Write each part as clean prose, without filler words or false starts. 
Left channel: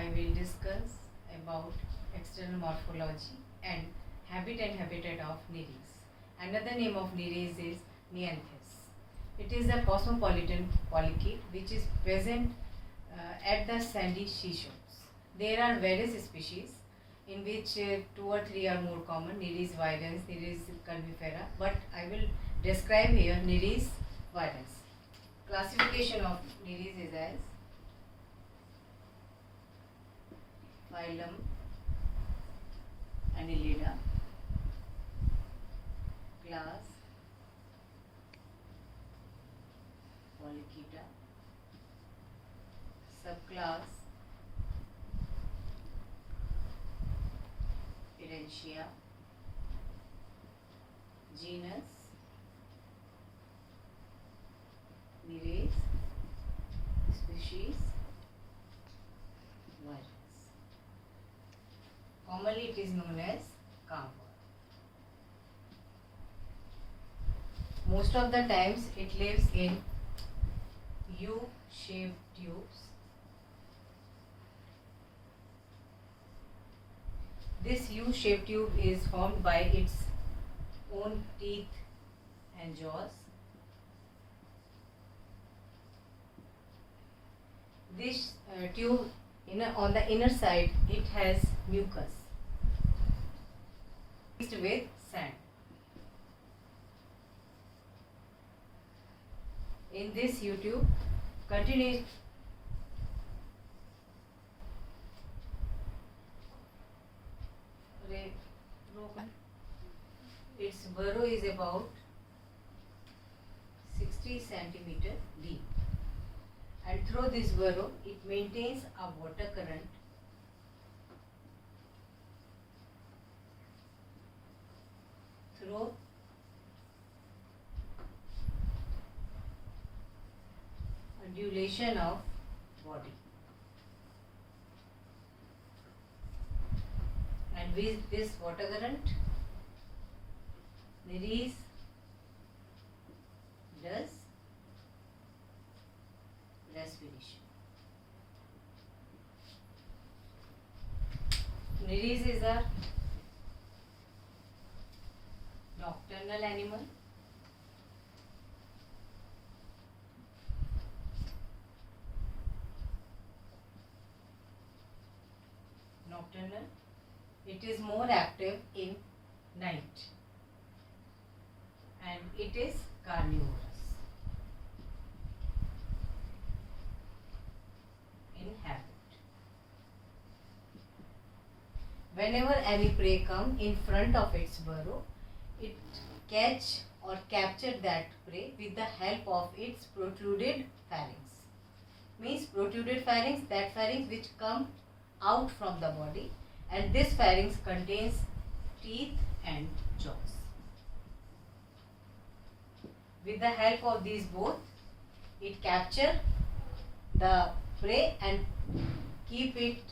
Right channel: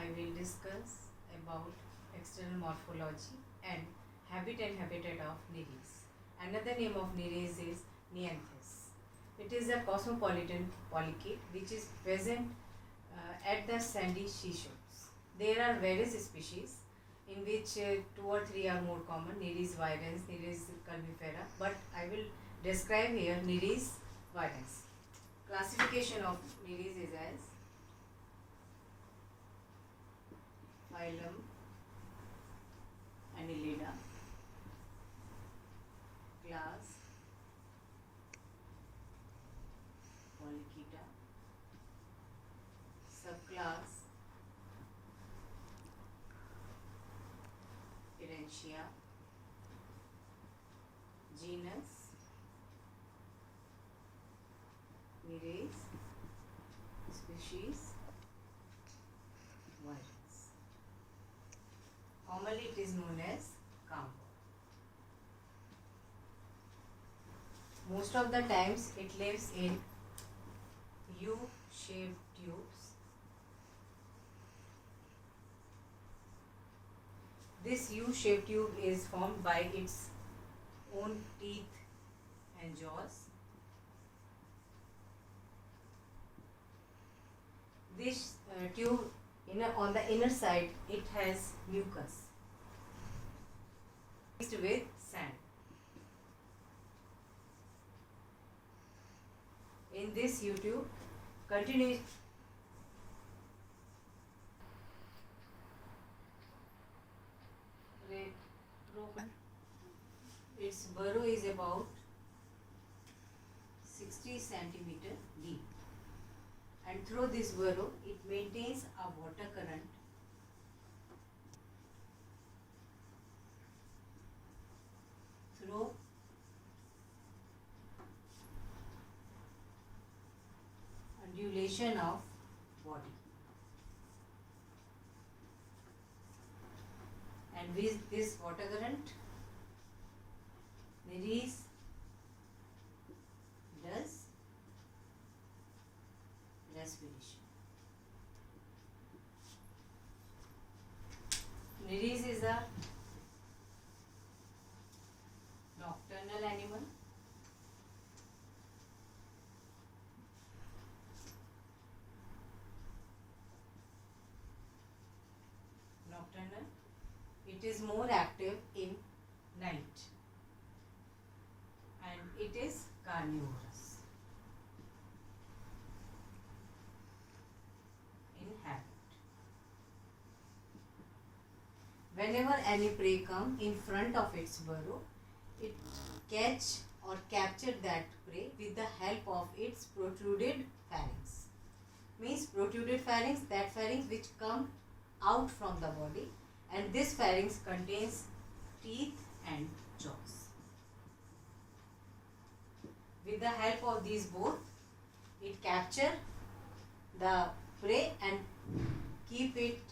I will discuss about external morphology and habit and habitat of Nereis. Another name of Nereis is Neanthes. It is a cosmopolitan polychaete which is present at the sandy seashores. There are various species in which two or three are more common: Nereis virens, Nereis curvifera, but I will describe here Nereis virens. Classification of Nereis is as phylum Annelida, class Polychaeta, subclass Erentia, genus Nereis, species virens. Commonly it is known as carver. Most of the times it lives in U-shaped tubes. This U-shaped tube is formed by its own teeth and jaws. This tube on the inner side it has mucus mixed with sand. In this U-tube continues its burrow is about 60 centimeter deep, and through this burrow it maintains a water current through undulation of body, and with this water current Nereis does respiration. Nereis is a nocturnal animal. Nocturnal. It is more active in night, and it is carnivorous in habit. Whenever any prey come in front of its burrow, it catch or capture that prey with the help of its protruded pharynx. Means protruded pharynx, that pharynx which come out from the body, and this pharynx contains teeth and jaws. With the help of these both, it capture the prey and keep it,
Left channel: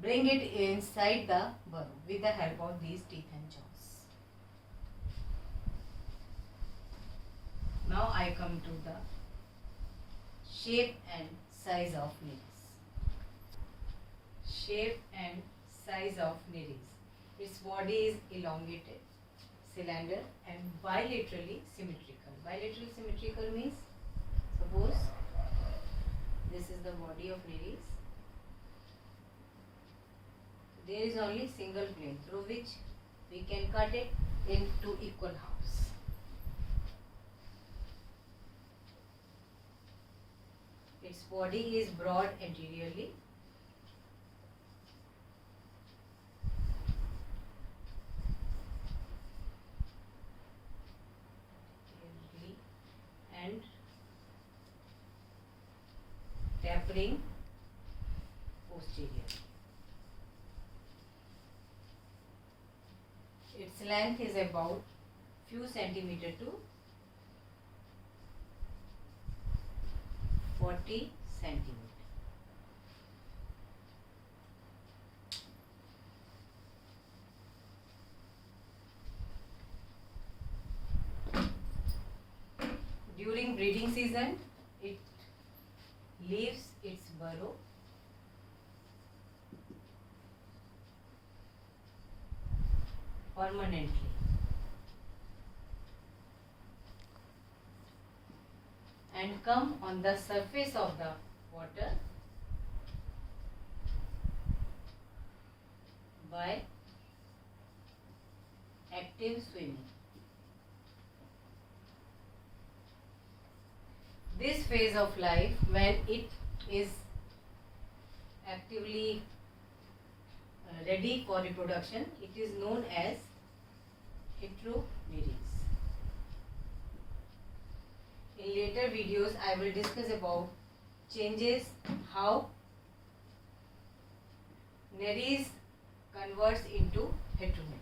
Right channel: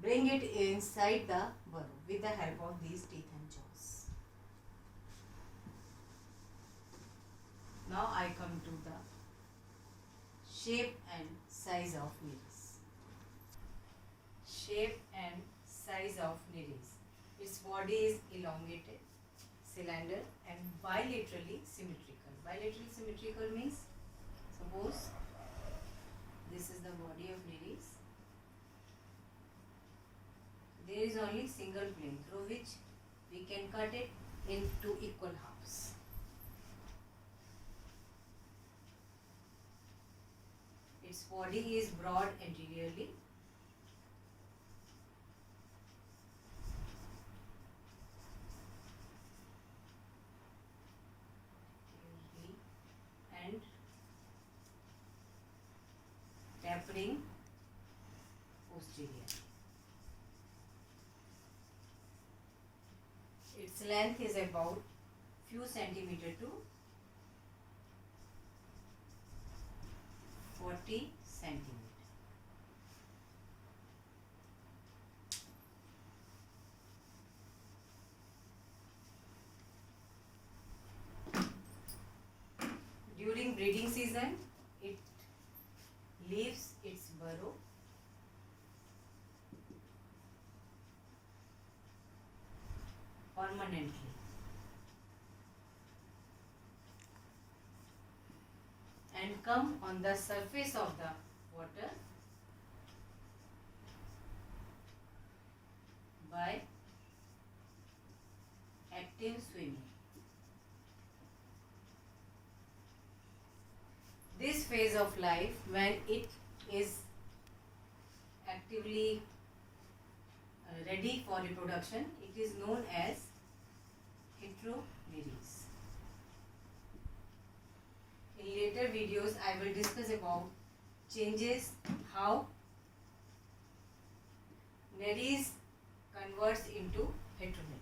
bring it inside the burrow with the help of these teeth and jaws. Now I come to the shape and size of Nereis. Shape and size of Nereis. Its body is elongated, cylinder, and bilaterally symmetrical. Bilateral symmetrical means, suppose this is the body of Nereis. There is only single plane through which we can cut it into equal halves. Its body is broad anteriorly, and tapering posteriorly. Its length is about few centimeter to 40 centimeter. During breeding season, it leaves its burrow permanently. And come on the surface of the water by active swimming. This phase of life, when it is actively ready for reproduction, it is known as heteromeres. In later videos, I will discuss about changes, how Nereis converts into heteromeres.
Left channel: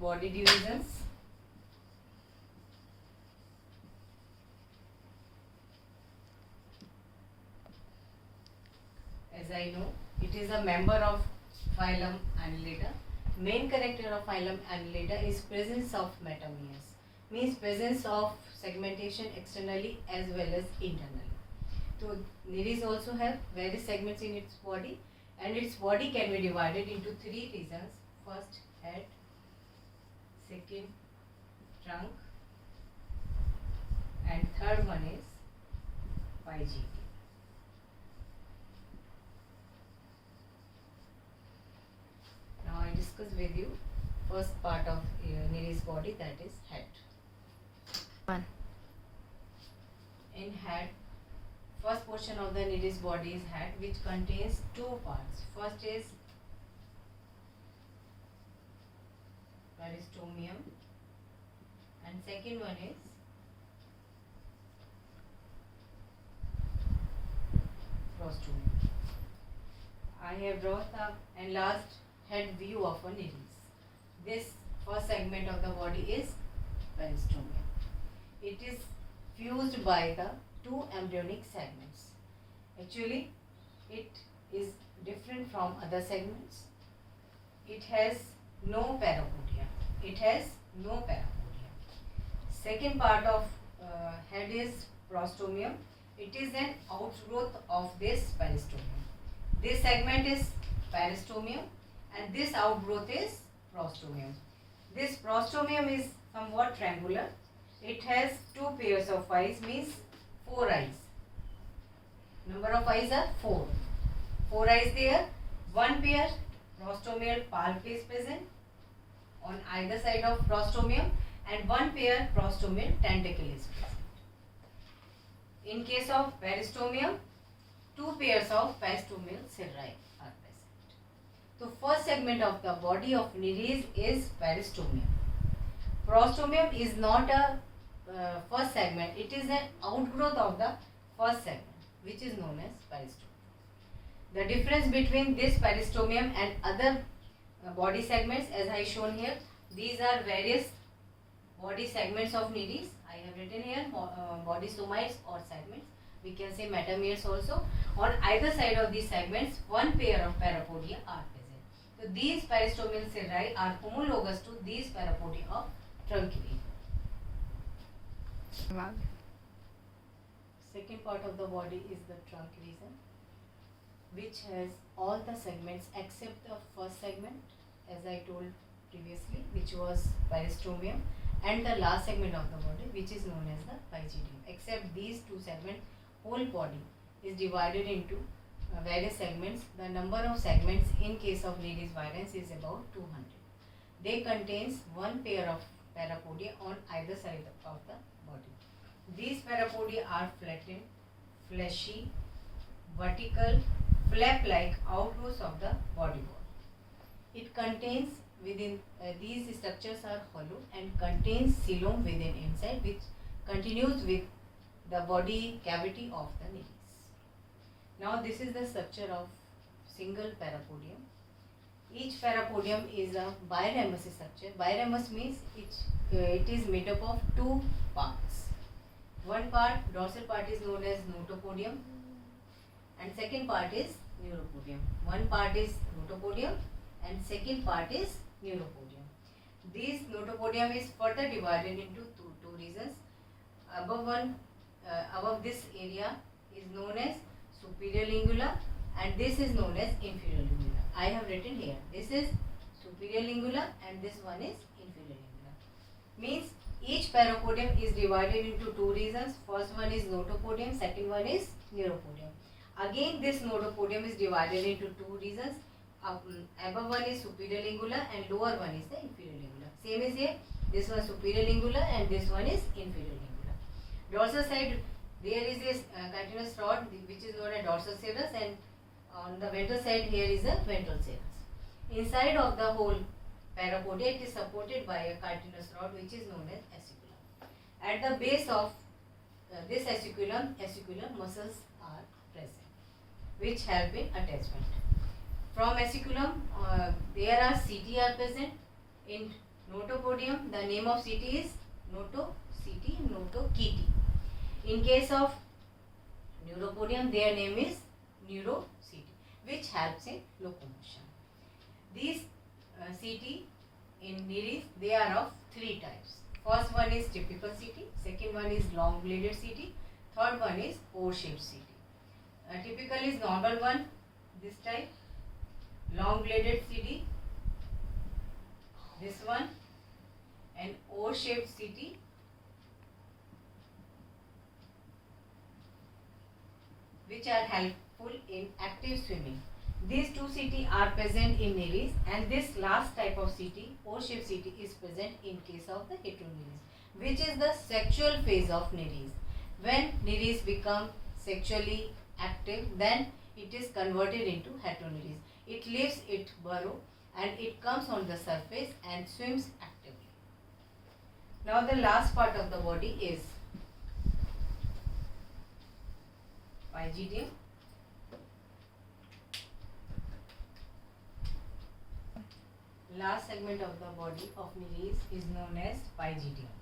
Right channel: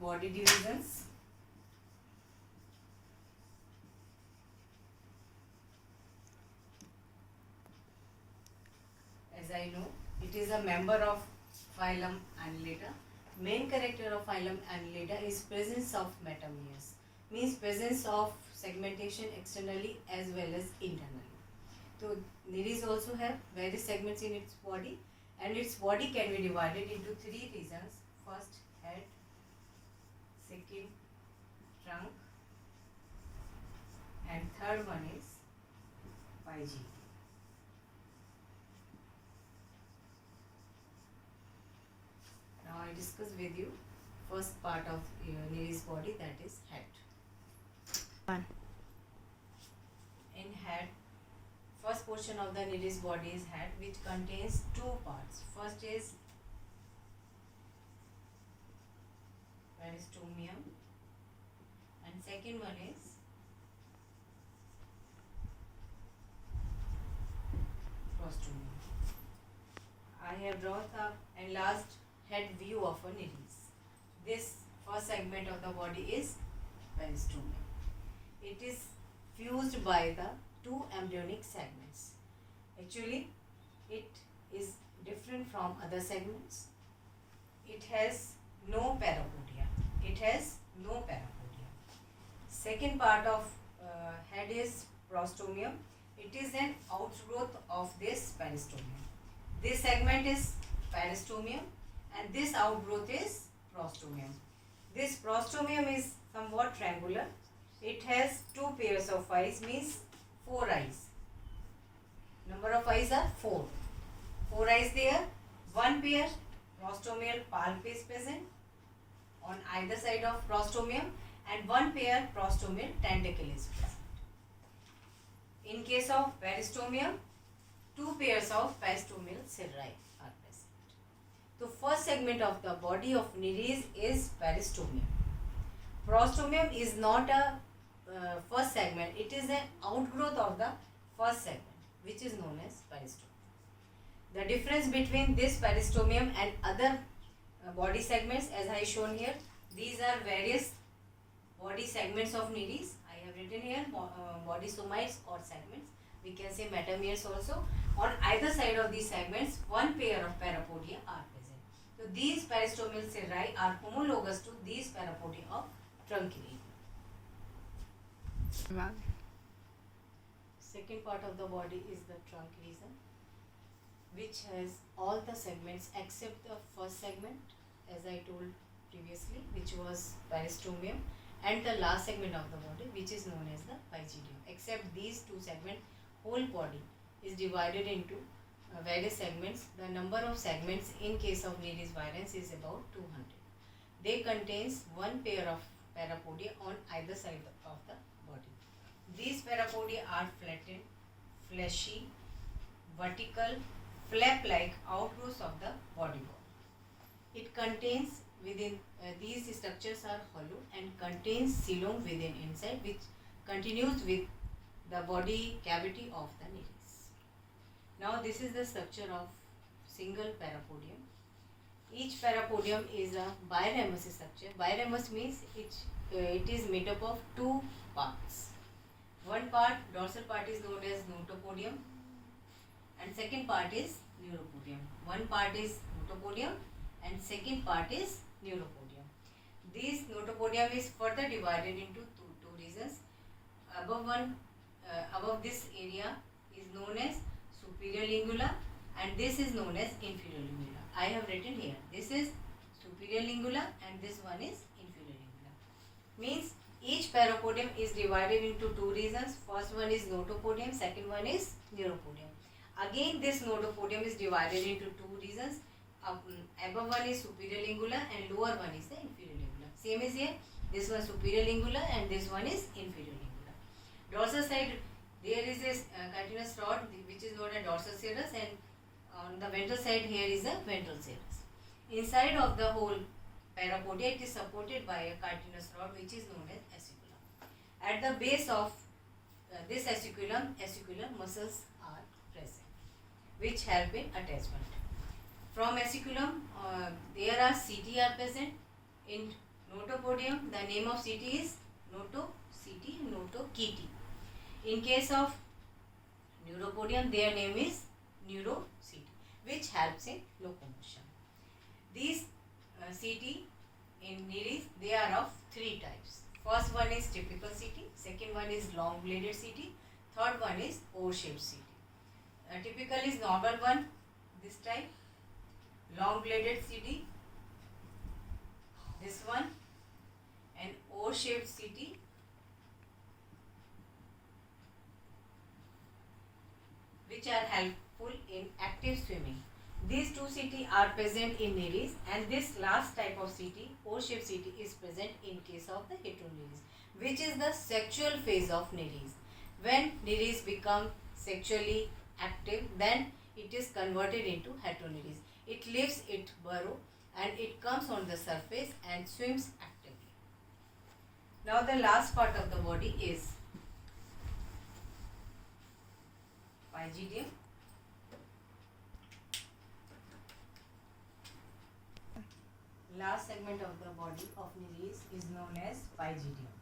Body divisions. As I know, it is a member of phylum Annelida. Main character of phylum Annelida is presence of metameres, means presence of segmentation externally as well as internally. So Nereis also have various segments in its body, and its body can be divided into three regions. First, head; second, trunk; and third one is pygidium. Now I discuss with you first part of Nereis body, that is head. In head, first portion of the Nereis body is head, which contains two parts. First is peristomium, and second one is prostomium. I have drawn the enlarged head view of a Nereis. This first segment of the body is peristomium. It is fused by the two embryonic segments. Actually, it is different from other segments. It has no parapodia. It has no parapodia. Second part of head is prostomium. It is an outgrowth of this peristomium. This segment is peristomium, and this outgrowth is prostomium. This prostomium is somewhat triangular. It has two pairs of eyes, means 4 eyes. Number of eyes are 4. 4 eyes there. One pair prostomial palp is present on either side of prostomium, and one pair prostomial tentacle is present. In case of peristomium, 2 pairs of peristomial cirri are present. The first segment of the body of Nereis is peristomium. Prostomium is not a first segment. It is an outgrowth of the first segment, which is known as peristomium. The difference between this peristomium and other body segments, as I shown here, these are various body segments of Nereis. I have written here body somites or segments. We can say metameres also. On either side of these segments, one pair of parapodia are present. So these peristomial cirri are homologous to these parapodia of trunculate. Second part of the body is the trunk region, which has all the segments except the first segment, as I told previously, which was peristomium, and the last segment of the body, which is known as the pygidium. Except these two segments, whole body is divided into various segments. The number of segments in case of Nereis virens is about 200. They contains one pair of parapodia on either side of the body. These parapodia are flattened, fleshy, vertical, flap-like outgrowths of the body wall. It contains within these structures are hollow and contains coelom within inside, which continues with the body cavity of the Nereis. Now this is the structure of single parapodium. Each parapodium is a biramus structure. Biramus means it is made up of two parts. One part, dorsal part, is known as notopodium, and second part is neuropodium. One part is notopodium and second part is neuropodium. This notopodium is further divided into two regions. Above this area is known as superior lingula and this is known as inferior lingula. I have written here. This is superior lingula and this one is inferior lingula. Means each parapodium is divided into two regions. First one is notopodium, second one is neuropodium. Again this notopodium is divided into two regions. Above one is superior lingula and lower one is the inferior lingula. Same is here. This one superior lingula and this one is inferior lingula. Dorsal side there is a continuous rod which is known as dorsal serous and on the ventral side here is a ventral serous. Inside of the whole parapodia it is supported by a continuous rod which is known as aciculum. At the base of this aciculum muscles are present which help in attachment. From aciculum there are CT are present. In notopodium the name of CT is notoCT, notokiti. In case of neuropodium their name is neurocT which helps in locomotion. These CT in nereis they are of three types. First one is typical CT, second one is long bladed CT, third one is O-shaped CT. Typical is normal one, this type, long bladed CT, this one, and O-shaped CT, which are helpful in active swimming. These two CT are present in nereis and this last type of CT, O-shaped CT, is present in case of the heteronereis, which is the sexual phase of nereis. When nereis become sexually active, then it is converted into heteronereis. It leaves its burrow and it comes on the surface and swims actively. Now the last part of the body is pygidium. Last segment of the body of nereis is known as pygidium.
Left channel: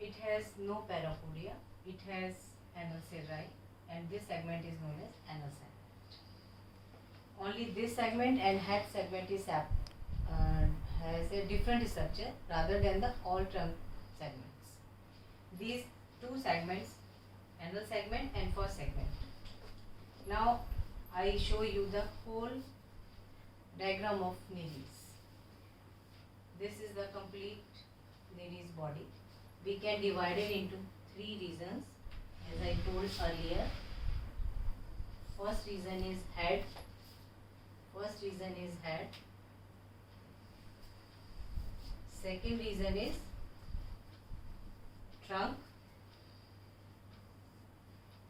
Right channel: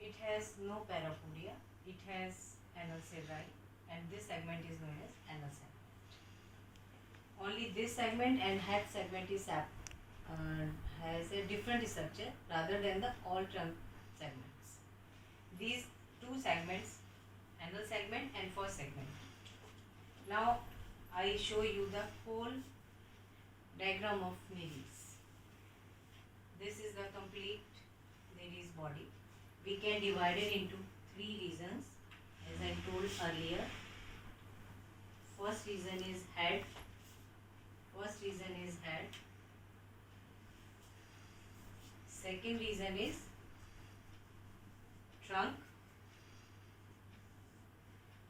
It has no parapodia, it has anal cirri and this segment is known as anal segment. Only this segment and head segment is has a different structure rather than the all trunk segments. These two segments, anal segment and first segment. Now I show you the whole diagram of nereis. This is the complete nereis body. We can divide it into three regions as I told earlier. First region is head. Second region is trunk.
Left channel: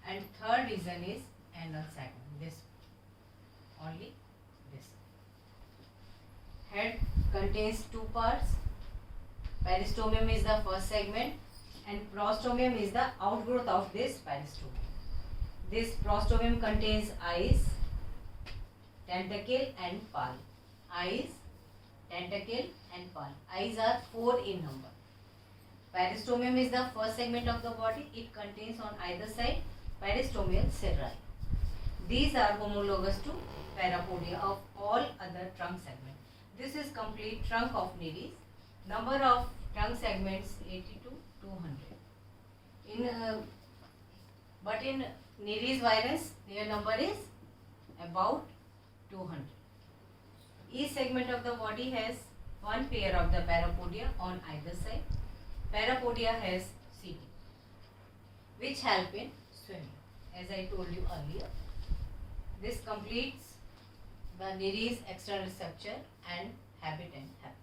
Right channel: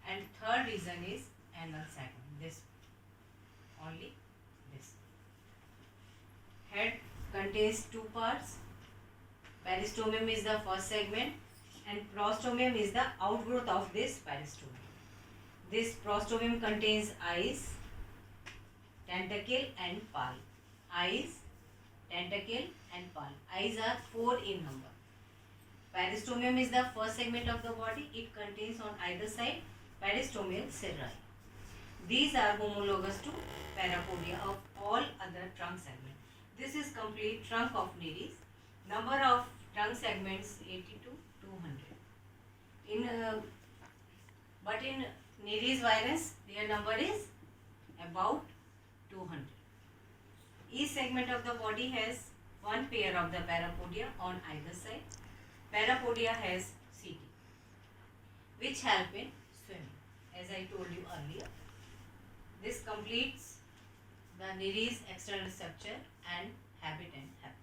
And third region is anal segment. This only this. Head contains two parts. Peristomium is the first segment and prostomium is the outgrowth of this peristomium. This prostomium contains eyes, tentacle and palp. Eyes, tentacle and palp. Eyes are 4 in number. Peristomium is the first segment of the body. It contains on either side peristomial cirri. These are homologous to parapodia of all other trunk segments. This is complete trunk of nereis. Number of trunk segments 80 to 200. But in nereis virens their number is about 200. Each segment of the body has one pair of the parapodia on either side. Parapodia has CT, which help in swimming, as I told you earlier. This completes the nereis external structure and habitat.